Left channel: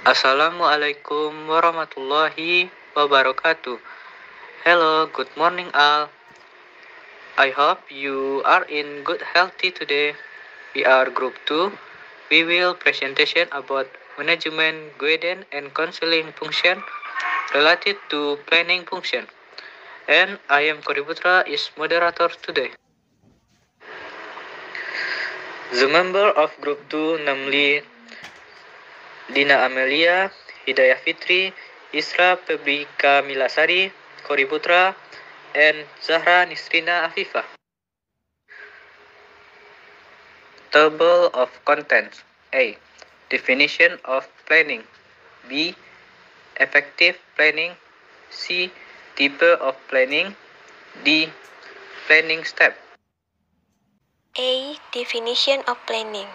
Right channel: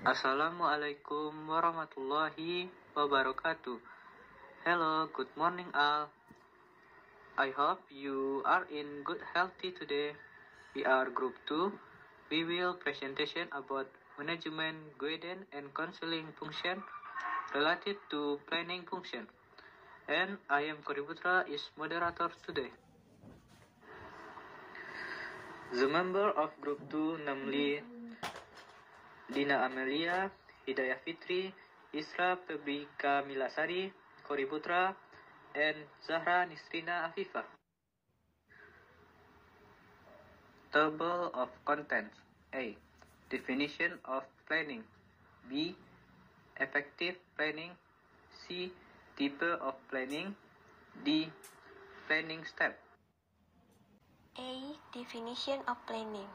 Assalamualaikum warahmatullahi wabarakatuh. Hello, good morning all. I hope you are in good healthy today. We are group 2. We will presentation about management, guidance and counseling function related to planning function. And I am Kori Putra is moderator today. The member of group 2 namely Dina Amelia, Hidayah Fitri, Isra Febrika Milasari, Kori Putra, and Zahra Nisrina Afifah. Table of contents. A. Definition of planning. B. Effective planning. C. Type of planning. D. Planning step. A. Definition of planning.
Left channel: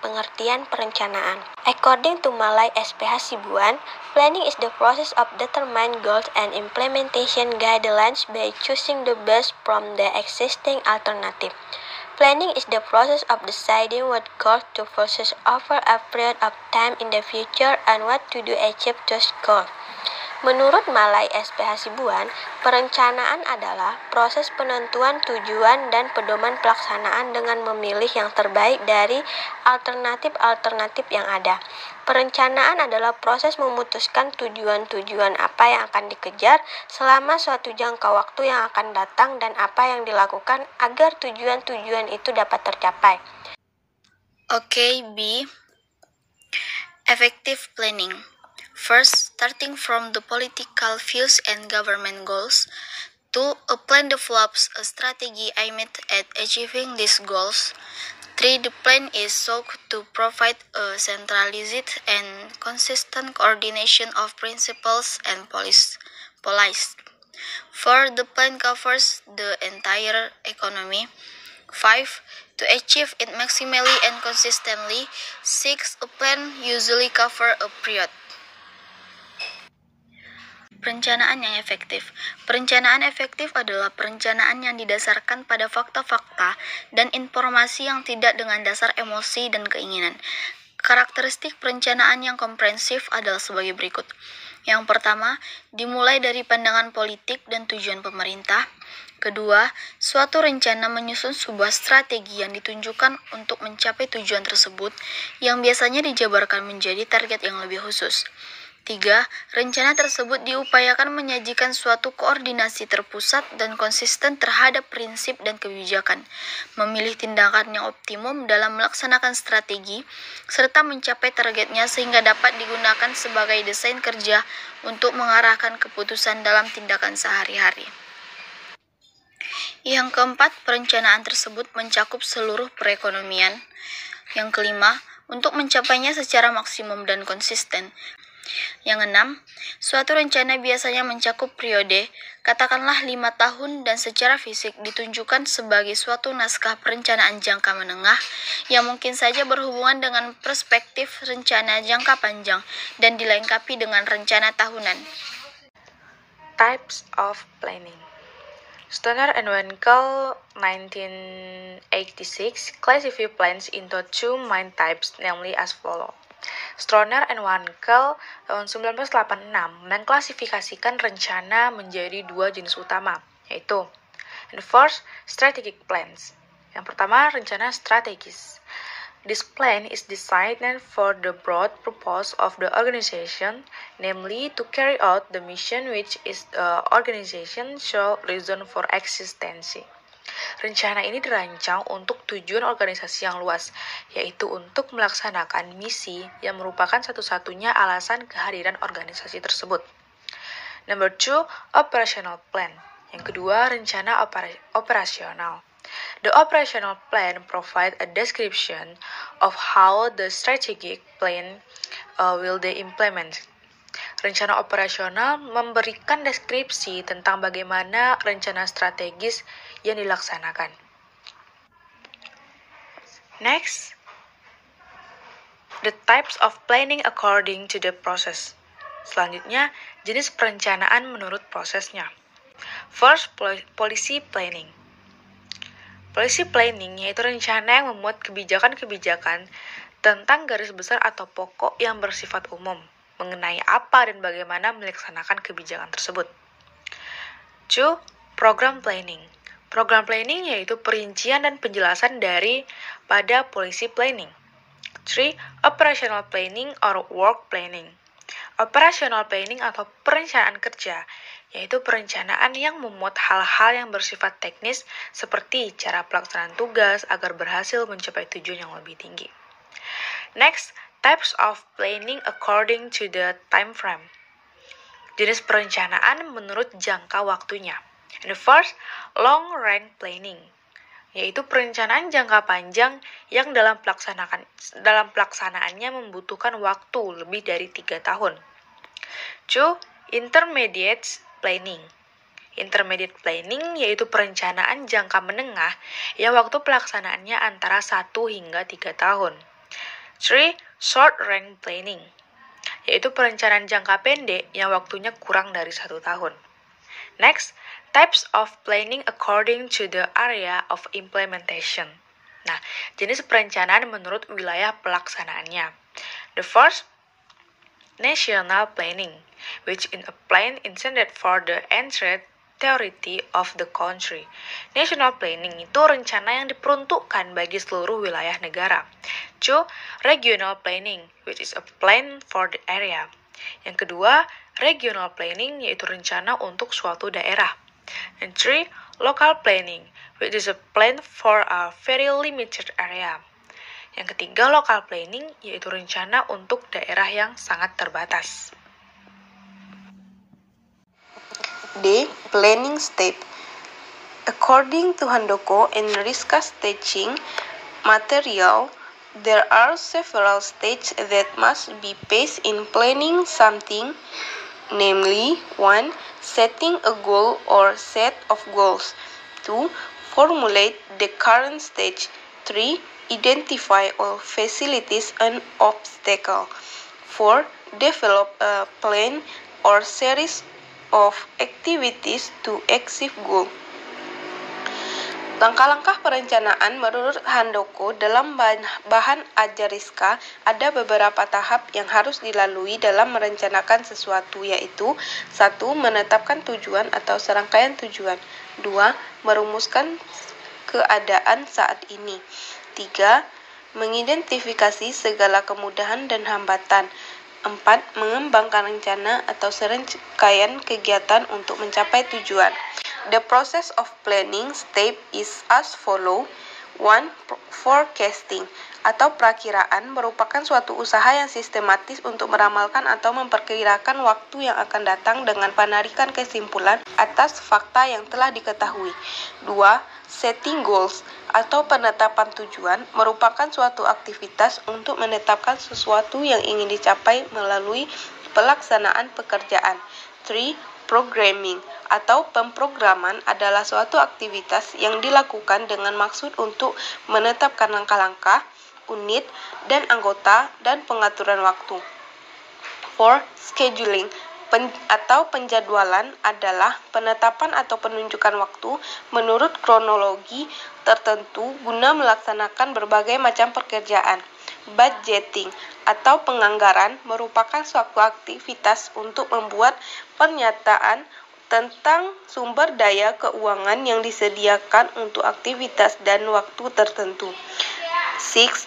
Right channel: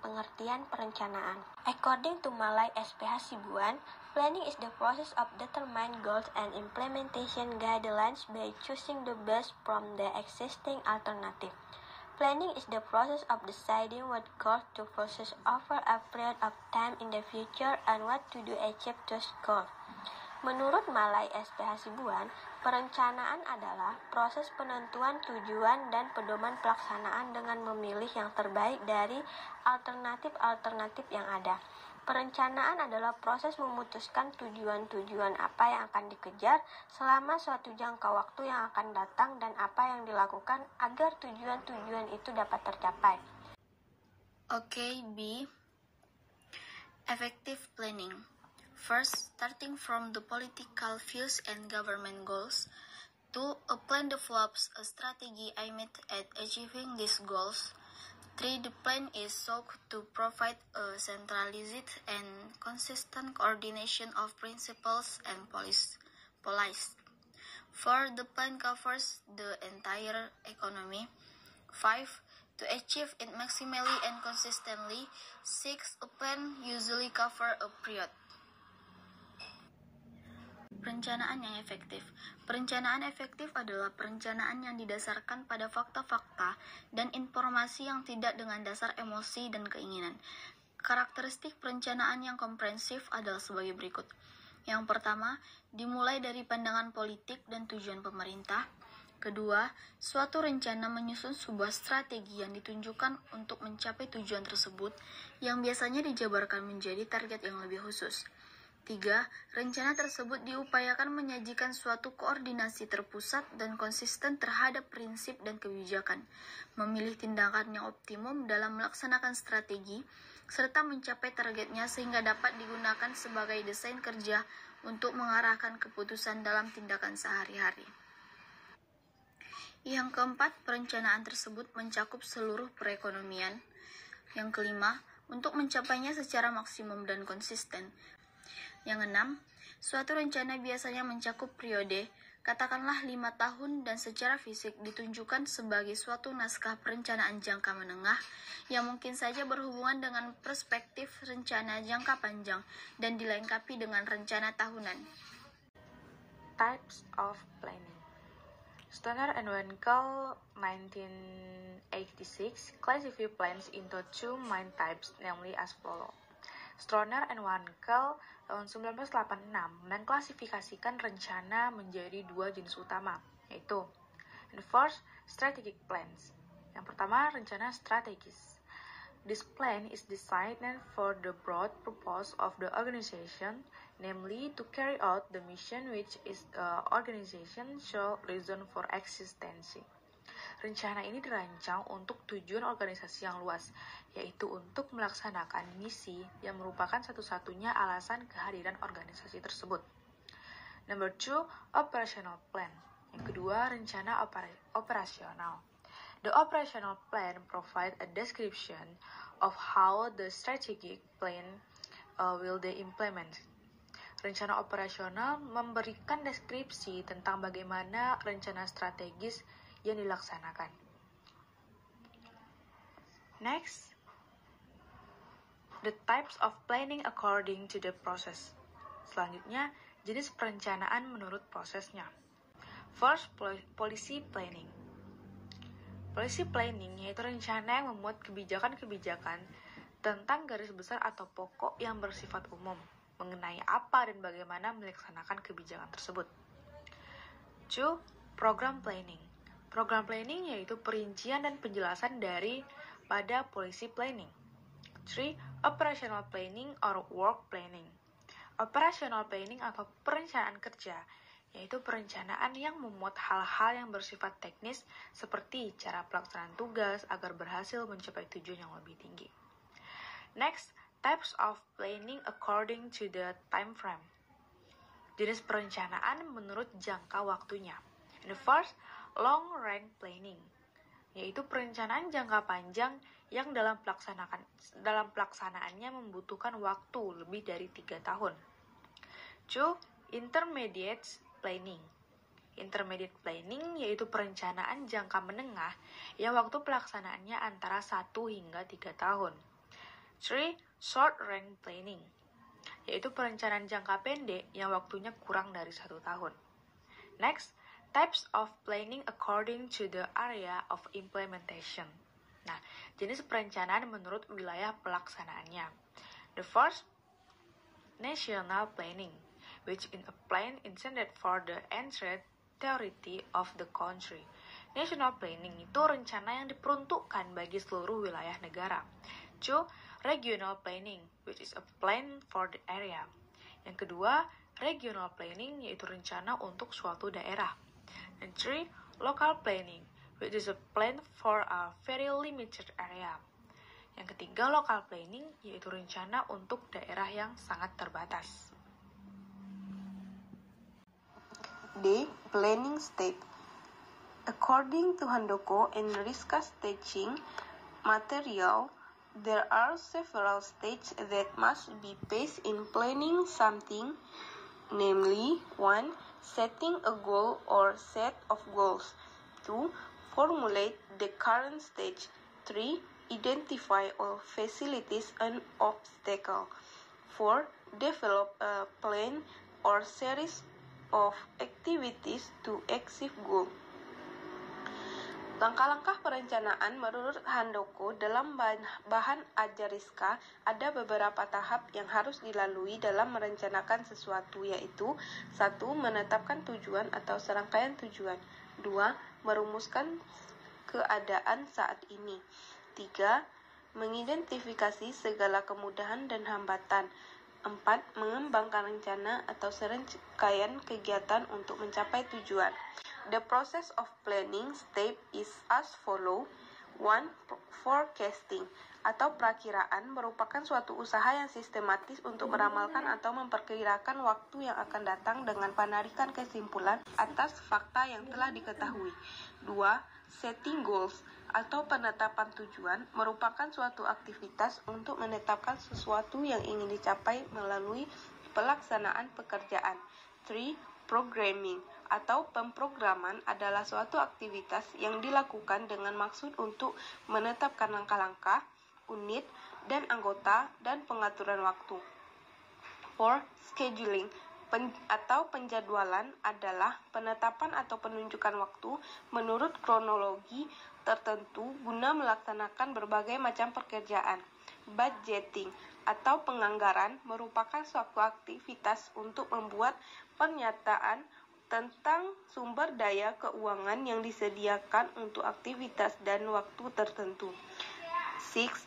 Pengertian perencanaan. According to Malay SPH Sibuan, planning is the process of determining goals and implementation guidelines by choosing the best from the existing alternative. Planning is the process of deciding what goals to pursue over a period of time in the future and what to do to achieve those goals. Menurut Malay SPH Sibuan, perencanaan adalah proses penentuan tujuan dan pedoman pelaksanaan dengan memilih yang terbaik dari alternatif-alternatif yang ada. Perencanaan adalah proses memutuskan tujuan-tujuan apa yang akan dikejar selama suatu jangka waktu yang akan datang dan apa yang dilakukan agar tujuan-tujuan itu dapat tercapai. Okay, B. Effective planning. First, starting from the political views and government goals. 2. A plan develops a strategy aimed at achieving these goals. 3. The plan is sought to provide a centralized and consistent coordination of principles and policies. 4. The plan covers the entire economy. 5. To achieve it maximally and consistently. 6. A plan usually covers a period. Perencanaan yang efektif. Perencanaan efektif adalah perencanaan yang didasarkan pada fakta-fakta dan informasi yang tidak dengan dasar emosi dan keinginan. Karakteristik perencanaan yang komprehensif adalah sebagai berikut. Yang pertama, dimulai dari pandangan politik dan tujuan pemerintah. Kedua, suatu rencana menyusun sebuah strategi yang ditunjukkan untuk mencapai tujuan tersebut, yang biasanya dijabarkan menjadi target yang lebih khusus. 3. Rencana tersebut diupayakan menyajikan suatu koordinasi terpusat dan konsisten terhadap prinsip dan kebijakan, memilih tindakan yang optimum dalam melaksanakan strategi, serta mencapai targetnya sehingga dapat digunakan sebagai desain kerja untuk mengarahkan keputusan dalam tindakan sehari-hari. Yang keempat, perencanaan tersebut mencakup seluruh perekonomian. Yang kelima, untuk mencapainya secara maksimum dan konsisten. Yang enam, suatu rencana biasanya mencakup periode, katakanlah 5 tahun dan secara fisik ditunjukkan sebagai suatu naskah perencanaan jangka menengah yang mungkin saja berhubungan dengan perspektif rencana jangka panjang dan dilengkapi dengan rencana tahunan. Types of planning. Stoner and Wankel 1986 classify plans into two main types, namely as follows. Stoner and Wankel tahun 1986 mengklasifikasikan rencana menjadi dua jenis utama, yaitu and first, strategic plans. Yang pertama, rencana strategis. This plan is designed for the broad purpose of the organization, namely to carry out the mission which is the organization sole reason for existence. Rencana ini dirancang untuk tujuan organisasi yang luas, yaitu untuk melaksanakan misi yang merupakan satu-satunya alasan kehadiran organisasi tersebut. Number 2, operational plan. Yang kedua, rencana operasional. The operational plan provides a description of how the strategic plan will be implemented. Rencana operasional memberikan deskripsi tentang bagaimana rencana strategis yang dilaksanakan. Next, the types of planning according to the process. Selanjutnya, jenis perencanaan menurut prosesnya. First, policy planning. Policy planning yaitu rencana yang memuat kebijakan-kebijakan tentang garis besar atau pokok yang bersifat umum. mengenai apa dan bagaimana melaksanakan kebijakan tersebut. 2. Program planning. Program planning yaitu perincian dan penjelasan pada policy planning. 3. Operational planning or work planning. Operational planning atau perencanaan kerja, yaitu perencanaan yang memuat hal-hal yang bersifat teknis seperti cara pelaksanaan tugas agar berhasil mencapai tujuan yang lebih tinggi. Next, types of planning according to the time frame. Jenis perencanaan menurut jangka waktunya. And the first, long range planning, yaitu perencanaan jangka panjang yang dalam pelaksanaannya membutuhkan waktu lebih dari 3 tahun. 2. Intermediate planning. Intermediate planning yaitu perencanaan jangka menengah yang waktu pelaksanaannya antara 1 hingga 3 tahun. 3. Short range planning, yaitu perencanaan jangka pendek yang waktunya kurang dari 1 tahun. Next, types of planning according to the area of implementation. Nah, jenis perencanaan menurut wilayah pelaksanaannya. The first, national planning, which is a plan intended for the entirety of the country. National planning itu rencana yang diperuntukkan bagi seluruh wilayah negara. 2. Regional planning, which is a plan for the area. Yang kedua, regional planning yaitu rencana untuk suatu daerah. And 3. Local planning, which is a plan for a very limited area. Yang ketiga, local planning yaitu rencana untuk daerah yang sangat terbatas. D. Planning step. According to Handoko and Rizka's teaching material, there are several stages that must be faced in planning something, namely 1. Setting a goal or set of goals. 2. Formulate the current stage. 3. Identify all facilities and obstacles. 4. Develop a plan or series of activities to achieve goal. Langkah-langkah perencanaan menurut Handoko dalam bahan ajar Rizka ada beberapa tahap yang harus dilalui dalam merencanakan sesuatu, yaitu 1. Menetapkan tujuan atau serangkaian tujuan. 2. Merumuskan keadaan saat ini. 3. Mengidentifikasi segala kemudahan dan hambatan. 4. Mengembangkan rencana atau serangkaian kegiatan untuk mencapai tujuan. The process of planning step is as follow. 1. Forecasting atau perakiraan merupakan suatu usaha yang sistematis untuk meramalkan atau memperkirakan waktu yang akan datang dengan penarikan kesimpulan atas fakta yang telah diketahui. 2. Setting goals atau penetapan tujuan merupakan suatu aktivitas untuk menetapkan sesuatu yang ingin dicapai melalui pelaksanaan pekerjaan. 3. Programming atau pemrograman adalah suatu aktivitas yang dilakukan dengan maksud untuk menetapkan langkah-langkah, unit, dan anggota, dan pengaturan waktu. 4. Scheduling atau penjadwalan adalah penetapan atau penunjukan waktu menurut kronologi tertentu guna melaksanakan berbagai macam pekerjaan. Budgeting atau penganggaran merupakan suatu aktivitas untuk membuat pernyataan tentang sumber daya keuangan yang disediakan untuk aktivitas dan waktu tertentu. 6.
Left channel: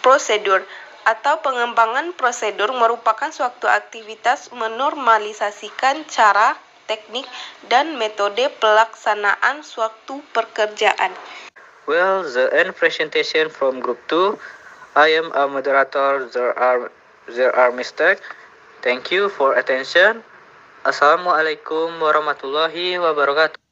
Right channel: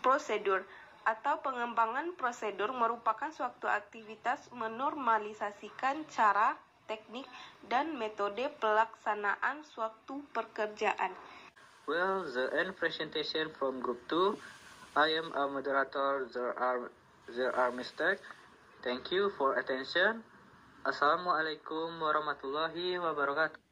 Prosedur atau pengembangan prosedur merupakan suatu aktivitas menormalisasikan cara, teknik, dan metode pelaksanaan suatu pekerjaan. Well, the end presentation from group 2. I am a moderator. There are mistakes. Thank you for attention. Assalamualaikum warahmatullahi wabarakatuh.